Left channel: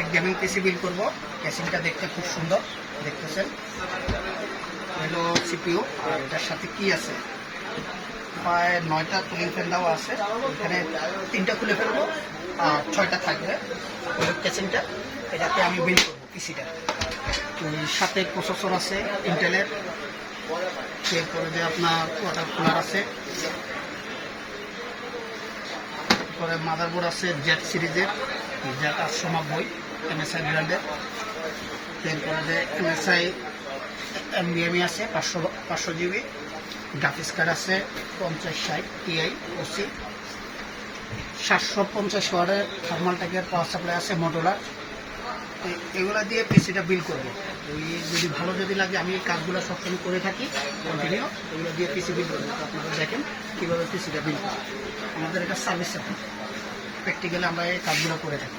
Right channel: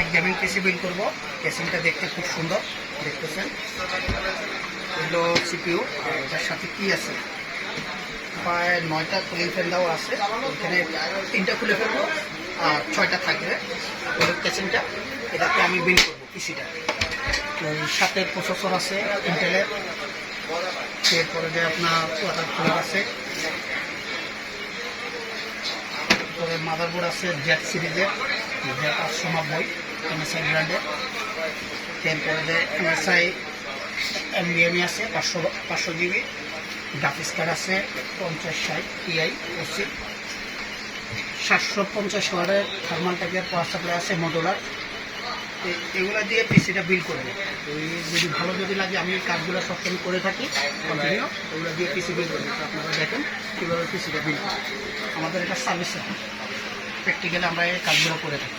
এক গেমিং পিসি বিল করবো। কেসিংটা দেখতে খুব সুন্দর দেখতেছেন। হলো সিপিইউ, আর এটার সাথে কি আছে, প্রায় 9টা কুলিং ফ্যান দেওয়া আছে। এখানে 3টা খুলে ফেলবো আর 6টা থাকবে ওই কেসিংটা। এটাতে আমি বিল করবো পিসিটা। ওই সাথে প্রসেসর আছে ইন্টেলের, এরপরে যে আপনার ওয়াটার কুলার আছে, তারপরে মাদারবোর্ড আছে জেড সিরিজের, জেড 890 MSI ব্র্যান্ডের। এরপরে যে MSI NVMe আছে 500 GB। গ্রাফিক্স কার্ড আছে 5060 Ti OC, 750 ওয়াটের থার্মাল ট্যাগের পাওয়ার সাপ্লাই আছে মোটরলার। এগুলো দিয়ে পিসিটা বিল করবে। ওই যদি ভালো যদি লাগে, আমি কাজগুলো সবসময় করে থাকি কন্টিনিউ, এগুলো দিয়ে পিসি বিল করবে। আপনারা দেখেন কীভাবে পিসিটা বিল করে। আমাদের এটা সার্ভিস সেন্টার, প্র্যাকটিক্যালি আমরা এই কাজগুলো করে থাকি।